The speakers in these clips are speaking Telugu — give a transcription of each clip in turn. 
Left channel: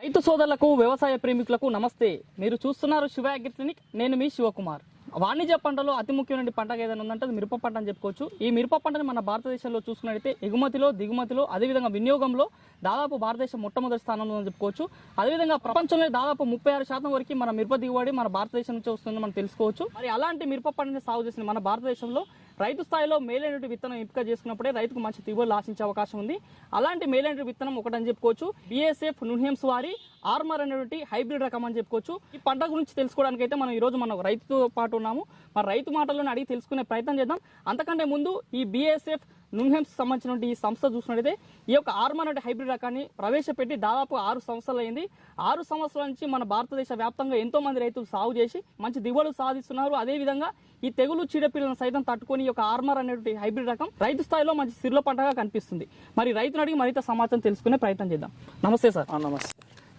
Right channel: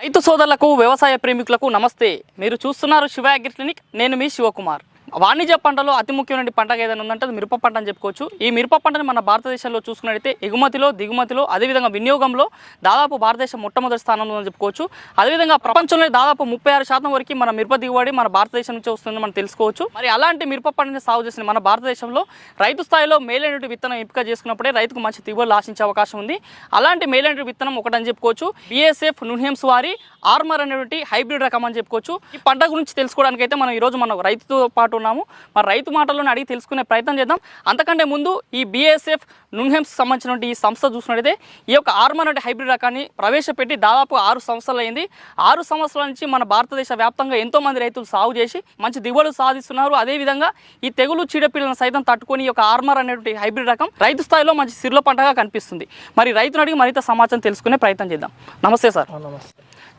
రైతు సోదరులకు వ్యవసాయ ప్రేమికులకు నమస్తే. మీరు చూస్తున్నారు శివ అగ్రి క్లినిక్. నేను మీ శివకుమార్. వాణిజ్య పంటలో అతి ముఖ్యమైన పంటగా ఏదైనా ఉందంటే అది మిరప పంట అని చెప్పుకోవచ్చు. ఈ మిరప పంటని మన భారతదేశంలో చూసుకున్నట్టయితే ఎగుమతిలో దిగుమతిలో అదేవిధంగా వినియోగంలో దాదాపు భారతదేశం మొట్టమొదటి స్థానంలో ఉందని చెప్పుకోవచ్చు. అదేవిధంగా ప్రపంచంలో దాదాపు ముప్పై ఆరు శాతం వరకు మన మిరప దిగుబడి మన భారతదేశం నుంచి వస్తుందని మనం తెలుసుకోవచ్చు. మరి అలాంటి మిరప పంటని సాగు చేసిన మన భారతదేశంలో రైతు స్థాయిలో మేలైనటువంటి విత్తనం ఎంపిక చేసుకున్నప్పుడే రైతుకు మంచి దిగుబడులు ఆశించే అవకాశం ఉంది. అలాంటి మేలైనటువంటి విత్తనం ఒకటని చెప్పుకోవచ్చు. బిఎస్ఎఫ్ నున్హెమ్స్ వారి ఆర్మర్ అనేటువంటి హైబ్రిడ్ రకం అని చెప్పుకోవచ్చు. ఈ పంట గురించి తెలుసుకోవడానికి అయితే మనం ఈరోజు మనం రైతుతో పాటు ఉన్న ఉన్నాము మరి రైతు మాటల్లోనే అడిగి తెలుసుకునే ప్రయత్నం చేద్దాం. అంతకంటే ముందు ఈ బిఎస్ఎఫ్ నున్హెమ్స్ సంబంధించినటువంటి ఈ సంస్థ చూసినట్టయితే ఈ యొక్క ఆర్మర్ అనే హైబ్రిడ్ రకాన్ని ప్రవేశపెట్టి దాదాపు ఆరు సంవత్సరాలు అయింది. ఆరు సంవత్సరాల నుంచి మన భారతదేశ వ్యాప్తంగా ఎంతో మంది రైతులు సాగు చేసి మంచి దిగుబడులు సాధిస్తున్నారు. అదేవిధంగా ఈ తెగులు చీడపీడలను సైతం తట్టుకొని ఈ యొక్క ఆర్మర్ అనేటువంటి హైబ్రిడ్ రకం రైతు స్థాయిలో మంచి సిరుల పంటగా కనిపిస్తుంది. మరి రైతును అడిగి మరింత సమాచారం తెలుసుకునే ప్రయత్నం చేద్దాం. నమస్తే సార్. నమస్తే.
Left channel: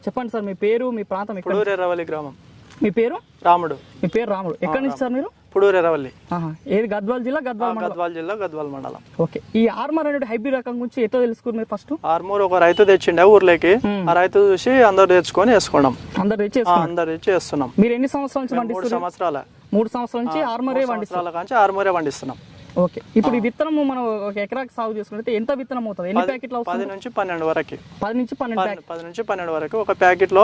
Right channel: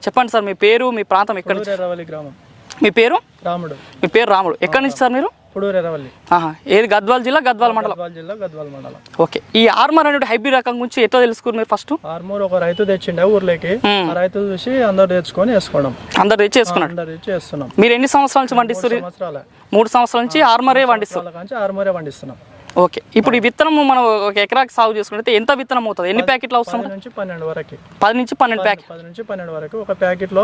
చెప్పండి సార్ మీ పేరు మీ ప్రాంతం ఎక్కడ గ్రామం. మీ పేరు? రాముడు. మీ పేరు రాముడు. ఎక్కడి నుంచి సార్ మీరు? ఏది? గద్వాల్ జిల్లా గద్వాల్ మండలం? గద్వాల జిల్లా గద్వాల మండలం. ఓకే. ఈ ఆర్మర్ అనేటువంటి హైబ్రిడ్ రకం గురించి ఎట్లా తెలుసుకున్నారు మీరు ఫస్ట్? ఆర్మూర్ ఒక రైతు తెచ్చిండే ఊర్లోకి. ఆ రైతు చూసి అందరు తెచ్చుకొని వేసుకోవడం అందరు తెచ్చి చేసుకున్నారు అందరు తెచ్చి వేస్తున్నాం. మీరు ఎన్ని సంవత్సరాల నుంచి పండిస్తారు సంవత్సరాల. మూడు సంవత్సరాల నుంచి ఆర్మరే పండిస్తారు ఆర్మూరే పండిస్తున్నాం. ఓకే. ఇప్పుడు ఈ విత్తనం మనం ఒక ఎకరాకి సాగు చేసుకుంటే ఎంత విత్తనం అవుతుంది? ఎన్ని ప్యాకెట్లు అవసరం? నుంచి పన్నెండు వరకు. పది నుంచి పన్నెండు ప్యాకెట్ పది నుంచి పన్నెండు వరకు ఒక ప్యాకెట్లో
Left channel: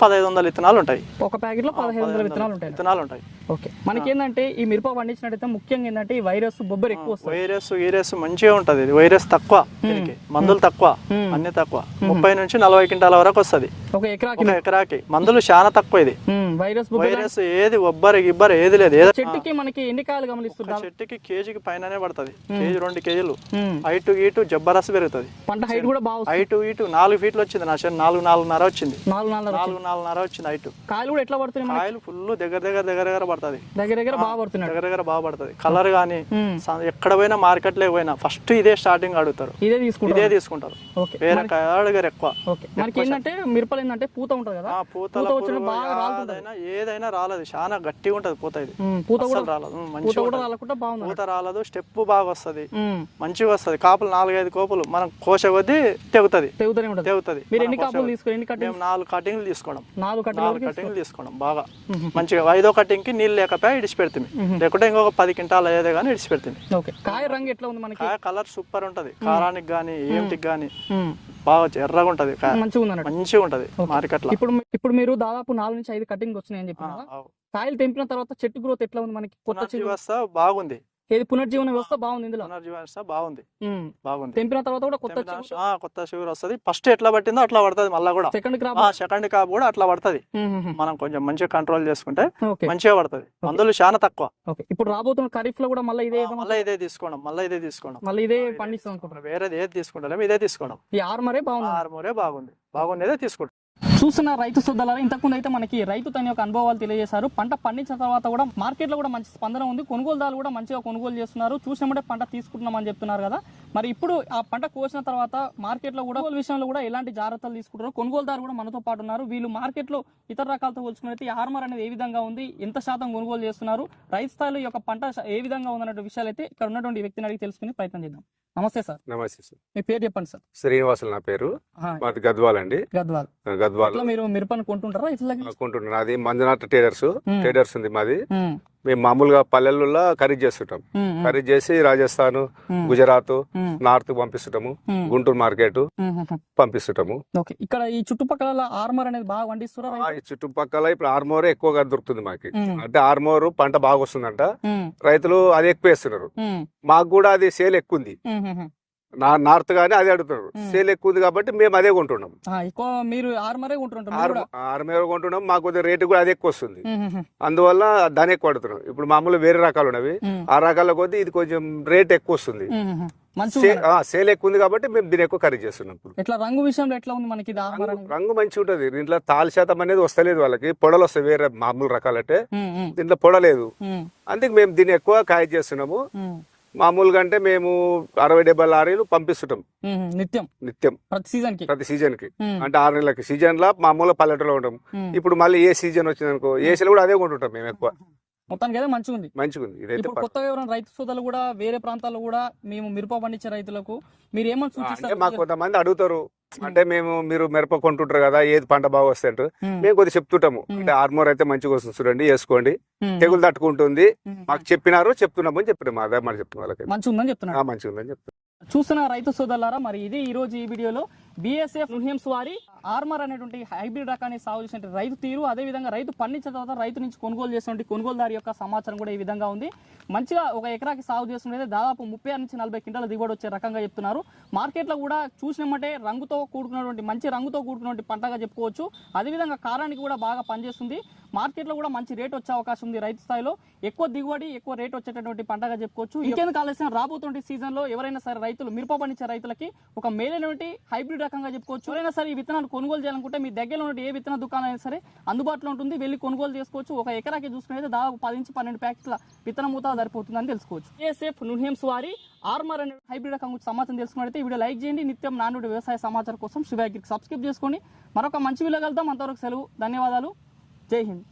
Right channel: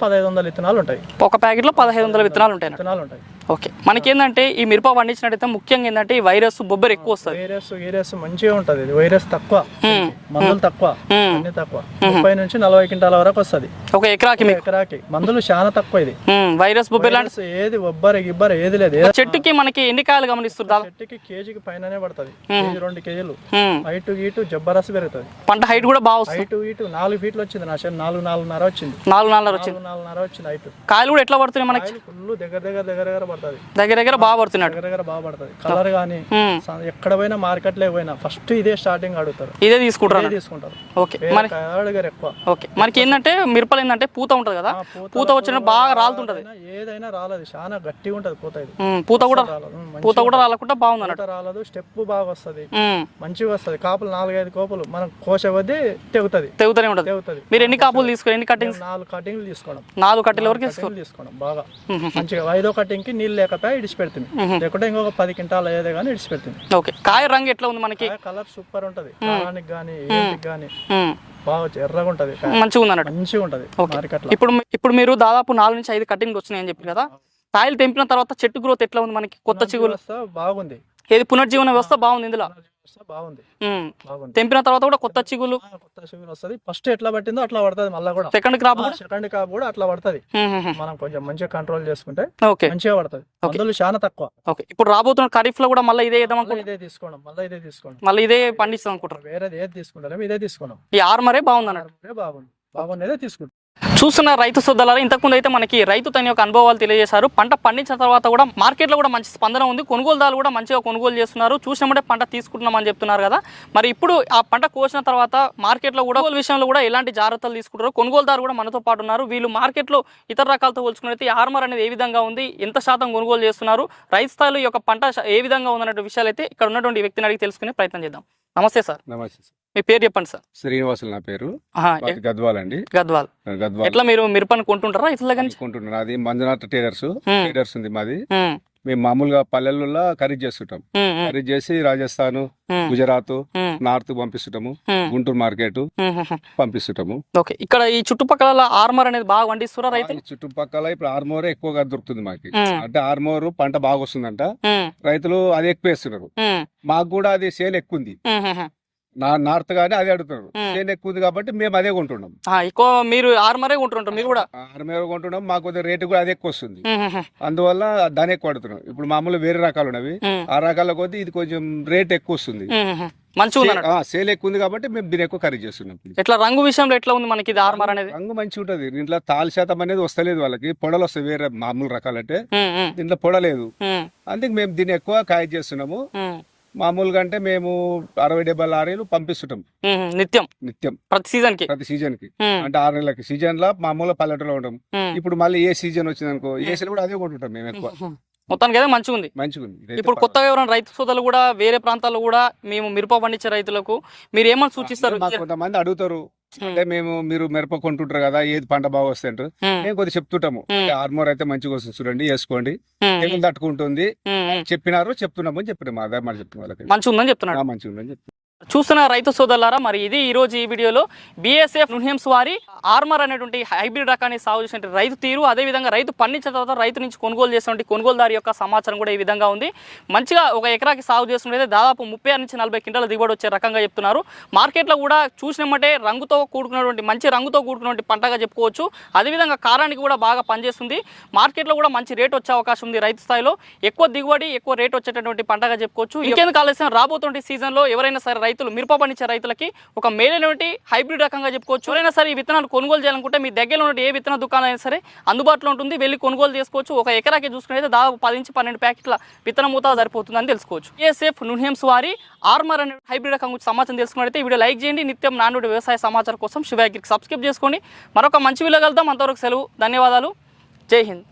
పదహైదు వందల విత్తనాలు ఉంటాయి ఒక ప్యాకెట్లో పదహైదు వందల విత్తనాలు ఉంటాయి. విత్తనాలు ఉంటాయి ఓకే. మనకి ఏంటంటే ఈ మిరప పండించినట్టయితే ముఖ్యంగా ఏంటంటే ఈ వైరస్ బొబ్బర్ ఎక్కువ వస్తుంది. వైరస్ ఈరస్ మంచిగా ఉంటది. ఇది వైరస్ తక్కువ. మందులు తక్కువ. అన్ని తక్కువ. ముప్పై నుంచి నలభై క్వింటాల వరకు వస్తది. ఒక ఎకరాకి ఎకరాకి. మందులు చాలా తక్కువ ఇది. వైరస్ బొబ్బర్ వైరస్ ఏది ఒబ్బరి గిబ్బరి ఏది లేదు. చెట్టుకి మనకి ఎన్ని కాయలు గమనిస్తుందా చెట్టుకి కేజీకి పైననే పడుతుంది. కేజీ రెండు కేజీలు. హైటు గీటు జబ్బరస్ పెరుగుతుంది. పంట హైట్ కూడా బాగా హైటు ఇటు నాలుగు ఫీట్లు వచ్చింది. నా శని నాలుగు నాలుగున్నర వచ్చింది. నాలుగు నాలుగు వచ్చింది. నాలుగు నాలుగున్నర వచ్చింది హైటు. కాయలు కూడా ఎట్లా పడుతున్నాయి మనకి? ఫుల్ దగ్గర దగ్గర దగ్గర దగ్గర పడుతుంది దగ్గర దగ్గర బాగా పడుతున్నాడు దగ్గర దగ్గర బాగా పడుతుంది కలర్ కానీ ఎక్కడ పోయినా మార్కెట్లో పోయినా ఫస్ట్ ఇదే స్టార్టింగ్ అడుగుతారు. ఇదే తీసుకుంటారు ఇదే తీసుకుంటారు. ఓకే. అడిగారు ఎక్కువ. ఓకే. మనకి ఏంటంటే మిరపలు ఏంటంటే పూత ఉంటుంది కదా? పూత వచ్చిన బాగా రాలుతుంటది. ఏదైనా- రాలేదు. చాలా గట్టిగా ఉంటది పూత ఇది. పూత కూడా రాలేదు. పూత కూడా రాలకుండా బాగుంది రాలేదు స్టెప్ బాగా వస్తది. మంచిగా వస్తది. కాపులు నాలుగైదు కోపులు మనం కోస కొద్దీ తెగుతుంది. తెగుతూనే ఉంటుంది. తెగుతుంది. మీరు ఎన్ని కాపులు తీసుకుని ఎన్ని కట్టింగ్ మేము నాలుగు కటింగ్లు తీసుకోవడం. నాలుగు కట్టెల వరకు తీసుకోవడం బాగా. మంచిగా ఐదో కటింగ్కి నీళ్ళు లేకపోయా ఇడిచిపెడుతుంది లేకుంటే ఇంకొక పది క్వింటాలు అయ్యేదే కానీ ఇడిచిపెడుతుంది. ఓకే. కాయ రంగు ఎట్లా ఉంది మనకి? కలర్ సూపర్ ఉంటది. కారానికి కానీ ఏంటికి ఉమ్, బాగా ఎర్రగా ఉంటది. మంచిగా ఉంది అన్నట్టు. మంచిగా ఉంటది ఇప్పుడు ఇప్పుడు మీరు దాదాపు నాలుగు నుంచి ఐదు కటింగ్ వచ్చినాయి అని చెప్పారు కదా. కాయలు తెంపిన తర్వాత చెట్టు గ్రోత్ ఎట్లా ఉంది మనకి? కొత్త చిగురు. బాగుంది. ఏది పునర్జీవన వ్యవస్థ బాగుంది ఇందులో? వ్యవస్థ బాగుంది. బాగుంది. తెంపిన తర్వాత కూడా కొత్త చిగులు కొత్త షుగర్ వస్తది. ఫస్ట్ ఎట్లా పట్టిందో అట్లా పడుతుంది మళ్ళీ కూడా. సెకండ్ క్రాప్ సెకండ్ కాపు కూడా అట్లా పడుతుంది. మనం కొంచెం మంచిగా కంట్రోల్ చేసుకుంటే ఓకే. మంచిగా పడుతుంది. మందులు చాలా తక్కువ. ఓకే. ఇప్పుడు రాబోతున్న ఖరీఫ్లో కూడా మళ్ళీ ఇదే మళ్ళీ ఇదే తీసుకోవడం మళ్ళీ ఇదే తీసుకోవడం. మళ్ళీ ఇదే పండిస్తాం అనుకుంటారు వేరేది ఏది తీసుకుంటాం ఇదే తీసుకోవడం. ఈ ఆర్మరే బాగుంది ఆర్మోరే బాగుంది. బాగుండేదే తీసుకుంటాం చూస్తున్న రైతు సోదరులారా ఇంతకుముందు అయితే మనకి రైతు తన యొక్క అనుభవాలు తెలియజేశారు. పంట పండించిన తర్వాత కూడా మార్కెట్లో కూడా మంచి స్పందన ఉంది. కొనుగోలుదారులు కూడా మంచిగా కొనుగోలు చేస్తున్నారు. చూసినప్పుడే పంట తీసుకుంటున్నామని చెప్తున్నారు కదా. మరి ఇప్పుడు ఆ పంట కోసిన తర్వాత మార్కెట్లో కూడా కొనుగోలు విషయంలో కూడా ఎలాంటి జాగ్రత్తలు తీసుకుంటారు కొనుగోలుదారు కూడా మనతో పాటు ఉన్నారు. వీళ్ళు మార్కెట్లో ఇతర రకాలతో పోల్చుకున్నైతే ఆర్మర్ అనేది ఏ విధంగా ఉంది? ఎంత శాతం కొనుగోలు చేస్తున్నారు? రైతు స్థాయిలో ఈ యొక్క పంట ఏ విధంగా ఉందన్న విషయాలు అయితే ఇక్కడ ఉన్నటువంటి వ్యక్తిని అడిగి తెలుసుకునే ప్రయత్నం చేద్దాం. నమస్తే సార్. నమస్తే సార్. మీ పేరు చెప్పండి సార్. శ్రీనివాసులు నా పేరు. గద్వాల్ అండి. గద్వాల్. గద్వాల్. ఎట్లా మీరు మిరపని కొంటుంటారా ఇట్లా కానీ? అనుకుంటున్నాను అది మంజునాథ్ ట్రేడర్స్ ట్రేడర్స్ ఉంది మాది. మేము మామూలుగా పల్లెల్లో ఖరీదు చేస్తుంటాం. ఖరీదు చేసి రాజస్థాన్ గుజరాత్ నార్త్ పంపిస్తుంటాము. గుంటూరు మార్కెట్. పంపిస్తుంటాము. ఓకే. ఇక్కడ ఈ చుట్టుపక్కల ఆర్మర్ అనేది బాగా పండిస్తురా రైతు ఆ చుట్టుపక్కల ఇప్పుడు ఆర్మోరే ఎక్కువగా దొరుకుతుంది మాకు. అంటే ఆర్మోర్ పంట బాగా వస్తుందంట. రైతులు అది ఎక్కువ వేస్తున్నారు. మాకు కూడా అది సేల్ ఎక్కువ ఉంది. నార్త్ గానీ అదే అడుగుతున్నారు. సేల్ ఎక్కువ ఉంది కాబట్టి మేము అదే కొంటున్నాం ఎక్కువ మీరు ఆర్మరే కొంటుంటారు మీరు కూడా? ఆర్మోర్ కొంటున్నాం మాకు కొద్దిగా రేటు కూడా అదే ఎక్కువ వస్తుంది. అందువల్ల దాని ఎక్కువ అడుగుతున్నాం. ఇప్పుడు మామూలు వేరే రకాలు ఉన్నవి. ఆ రకాల కొద్దీ ఇది కొంచెం రేట్ ఎక్కువ వస్తుంది. మంచిగా. సేల్ ఎక్కువ ఉంది కాబట్టి మేము దీని ఎక్కువ ఖరీదు చేస్తున్నాం. ఎట్లా రంగు విషయంలో ఎట్లా ఉంది మనకి ఇది ఆర్మర్ అనేది? రంగు మంచిగా ఉంటది. దీంట్లో తాలు శాతం అనేది వస్తలేదు వాళ్ళకి. పొడలు వస్తాయి వేరే మామూలు రకాలంటే దీంట్లో పొడలేదు. అందుకే మేము దీన్ని ఎక్కువ ఖరీదు చేస్తున్నాము. మామూలుగా అంటే మేము అరవై డెబ్బై లారీలు పంపిస్తుంటాం. నిత్యం? నిత్యం. ప్రతి సీజన్కి ప్రతి సీజన్కి అంటే ఆరు నెలలకి. సీజన్లో మామూలు పల్లెటూరులో ఉంటాం. ఇప్పుడు మళ్ళీ ఏ సీజన్ వచ్చింది అనుకో ఏసీలో కూడా అదే కొంటుంటాం మేము ఎక్కువ. మొత్తానికి అయితే మంచిగా ఉంది మంచిగా ఉంది ఇప్పుడు కొత్తగా ఎవరైనా రైతు సోదరులు కూడా వేరే ప్రాంతాల్లో కూడా మేము మిరప పండించే రైతులకు మీరు ఏమని సూచిస్తారు? కొంతమంది అడుగుతారు. అంటే మేము మీరు మిరప కొంటుంటారు కదా ఏది పంట బాగా వస్తాయి అంటారు మేము కొద్దిగా చెప్తుంటాము. ఆర్మోర్ అయితే మంచిగా వస్తుంది చూడండి వేసుకోండి. తెగులు తట్టుకుంటుంది. ఉమ్, మాకు చెప్పినారు చెప్తున్నామని చెప్పినాము అదే మరి చెప్తున్నాం వాళ్ళకి. మంచిగా ఉందని చెప్తున్నాడు. ఆ, మంచిగా ఉందని చెప్తున్నాం చూస్తున్న రైతు సోదరులారా మరి ఇది ఈరోజు ఈ వీడియోలో బీఎస్ఎఫ్ నుహిమ్స్ వారి ఆర్మర్ అనేటువంటి హైబ్రిడ్ రకాన్ని సాగు చేసిన రైతు తీరు. అదేవిధంగా రైతు పండించిన తర్వాత రైతు నుంచి కొనుగోలు చేసినటువంటి కొనుగోలుదారు యొక్క సమాచారం కూడా ఈ విధంగా ఉంది. మంచిగా ఒక ఎకరాకి సాగు చేస్తుంటే దాదాపు ముప్పై నుంచి నలభై క్వింటాల దిగుబడి వచ్చే రకంగా చెప్తున్నారు. మార్కెట్లో కూడా చూసినమంటే రంగుతో కూడుకున్నటువంటి మంచి రంగుతో కూడుకున్నటువంటి పంటగా చెప్పుకోవచ్చు. అదేవిధంగా కారానికి కూడా బాగా పనిచేస్తుంది. మార్కెట్లో కూడా మంచి రేట్ వచ్చే అవకాశం ఉంది రైతు స్థాయిలో. ఎక్కువ దిగుబడి ఎక్కువ రేట్ వచ్చేటటువంటి పంటగా చెప్పుకోవచ్చు. ఇంకెందుకు ఆలస్యం? రాబోతుంటే సీజన్లో ఎవరైనా సరే రైతులు మిరప పండించే రైతులకి ఒక మేలైనటువంటి హైబ్రిడ్ రకంగా చెప్పుకోవచ్చు. ఎవరైనా సరే ఈ విత్తనాలు కొనుగోలు చేయాలనుకుంటే మీ దగ్గరలో ఉన్న ఏ విత్తన దుకాణం అయినా సరే అందుబాటులో ఉంటుంది. వెళ్ళి కొనుగోలు చేసుకోవచ్చు. ఒక ఎకరాకి చూసుకునేది దాదాపు పది నుంచి పన్నెండు ప్యాకెట్ల విత్తనం మూత సరిపోతుందని తెలుసుకోవచ్చు. ఏసేఫ్ నుహిమ్స్ వారి ఆర్మర్ అనే హైబ్రిడ్ రకం గురించి సమాచారం తెలుసుకున్నట్లయితే వీడియో లైక్ చేయండి. నిత్యం నానుడి వ్యవసాయ సమాచారం కోసం శివాగిరికి సబ్స్క్రైబ్ చేసుకోండి మరొక మంచి వీడియో కలుద్దాం. అంతవరకు సెలవు ధన్యవాదాలు. జై హింద్.